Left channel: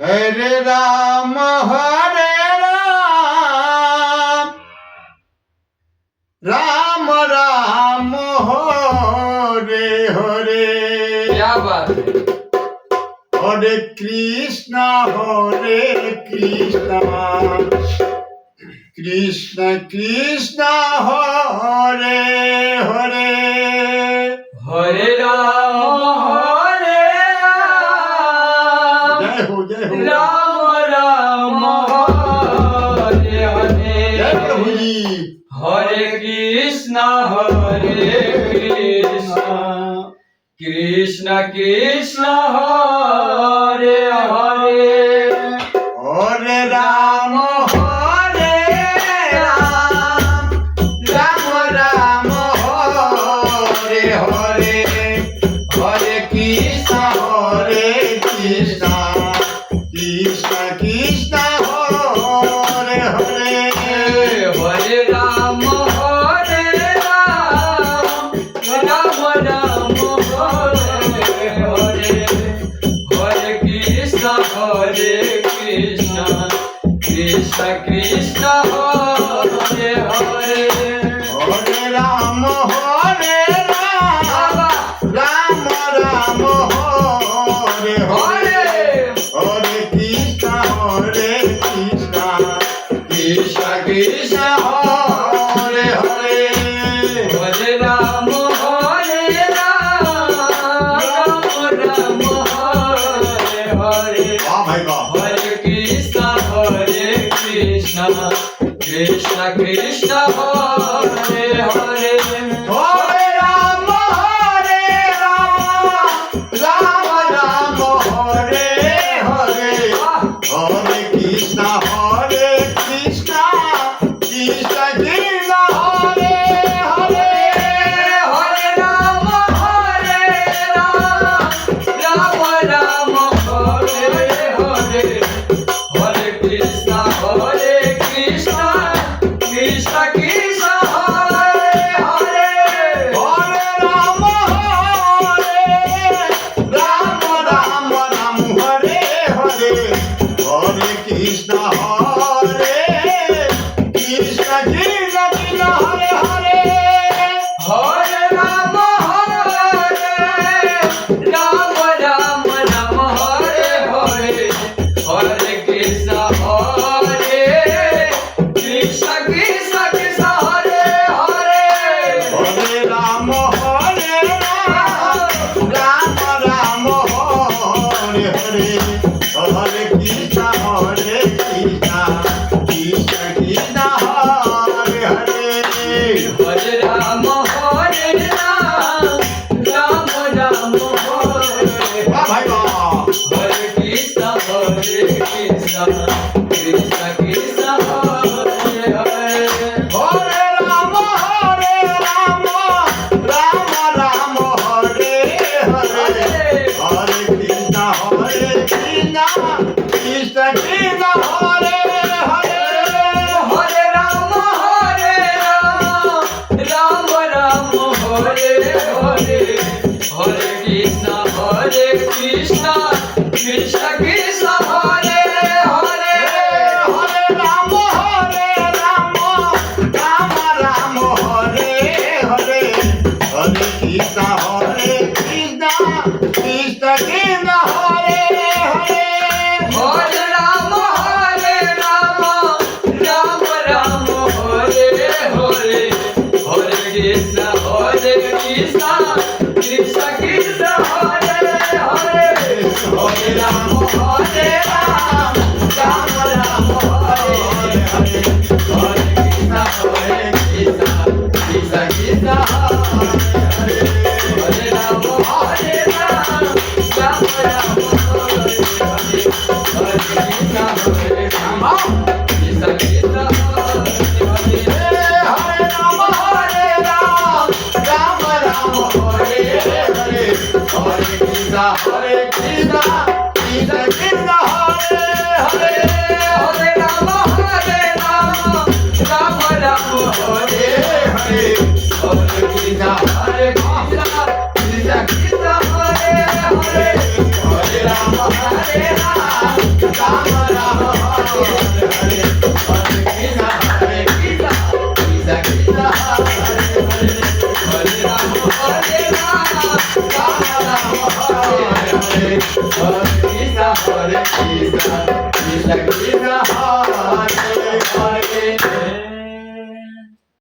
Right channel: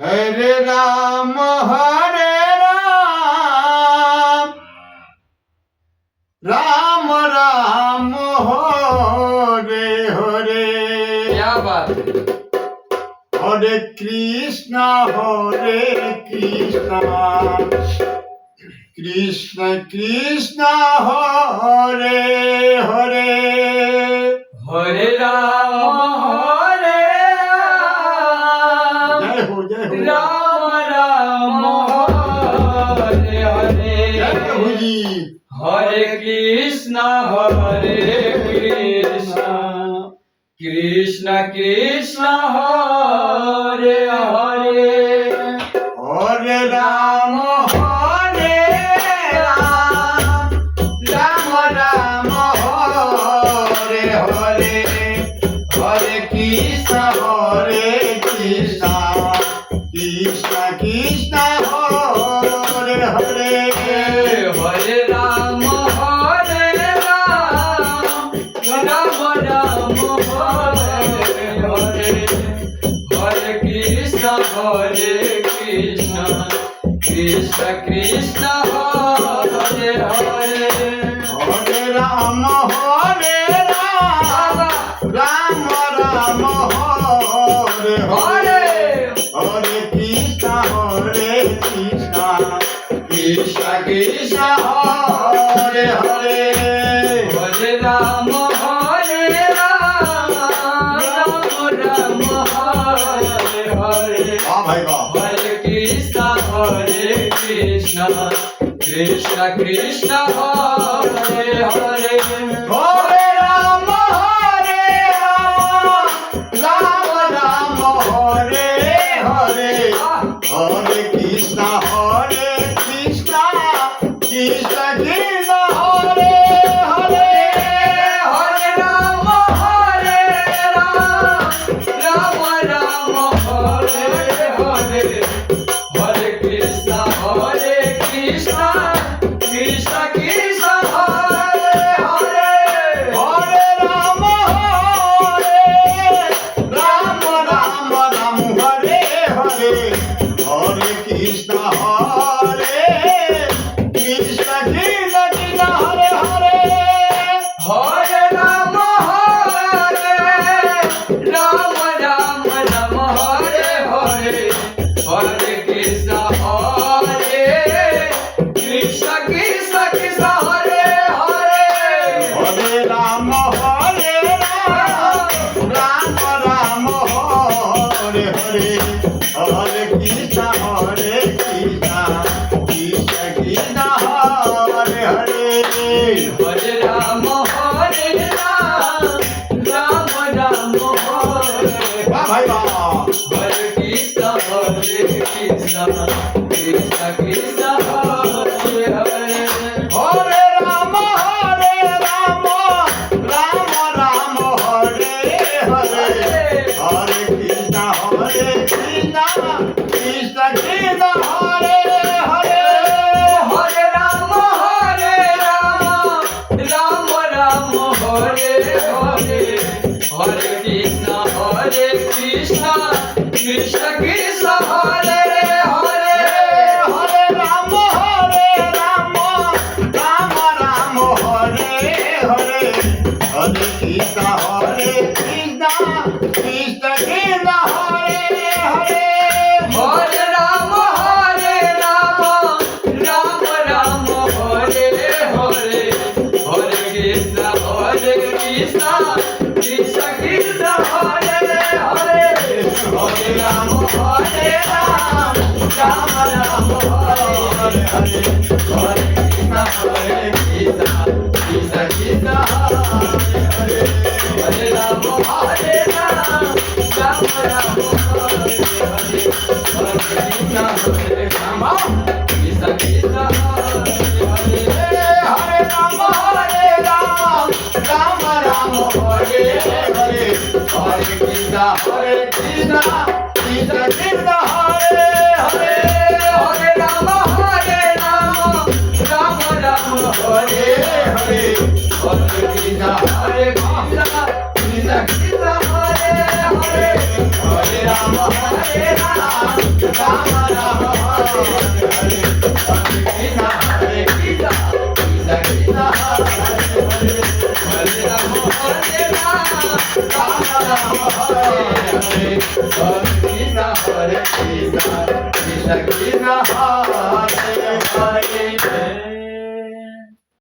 हरे राम राम राम हरे हरे। क्या बात है। हरे कृष्णा कृष्ण कृष्ण हरे हरे। हरे राम जय हो राम राम हरे हरे। जय प्रभु जी। हरे कृष्ण कृष्ण कृष्ण हरे हरे। हरे राम राम राम हरे हरे। हरे कृष्ण कृष्ण कृष्ण हरे हरे। हरे राम राम राम हरे हरे। हरे कृष्ण कृष्ण कृष्ण हरे हरे। हरे राम राम राम हरे हरे। हरे कृष्ण कृष्ण कृष्ण हरे हरे। हरे राम राम हरे हरे। वाह भाई वाह। हरे कृष्ण कृष्ण कृष्ण हरे हरे। हरे राम राम राम हरे हरे। हरे कृष्ण कृष्ण कृष्ण हरे हरे। हरे राम राम राम हरे हरे। हरे कृष्ण कृष्ण कृष्ण कृष्ण हरे हरे। हरे राम राम राम हरे हरे। हरे कृष्ण कृष्ण हरे हरे। हरे राम राम हरे हरे। हरे कृष्ण कृष्ण कृष्ण हरे हरे। हरे राम राम हरे हरे। हरे कृष्ण कृष्ण कृष्ण हरे हरे। हरे राम राम हरे। वाह भाई वाह। हरे कृष्ण कृष्ण कृष्ण हरे हरे। हरे राम राम राम हरे हरे। हरे कृष्ण कृष्ण कृष्ण हरे हरे। हरे राम राम हरे हरे। हरे कृष्ण कृष्ण कृष्ण कृष्ण हरे हरे। हरे राम राम राम हरे हरे। हरे कृष्ण कृष्ण कृष्ण हरे हरे। हरे राम राम राम हरे हरे। हरे कृष्ण कृष्ण कृष्ण कृष्ण हरे हरे। हरे राम राम राम हरे हरे। हरे कृष्ण कृष्ण कृष्ण हरे हरे। हरे राम राम हरे हरे। हरे कृष्ण राम कृष्ण कृष्ण हरे हरे। हरे राम राम राम हरे हरे। हरे कृष्ण कृष्ण कृष्ण हरे हरे। हरे राम राम हरे हरे। हरे कृष्ण कृष्ण कृष्ण हरे हरे। हरे Ram Hare Krishna, Krishna Krishna, Hare Hare.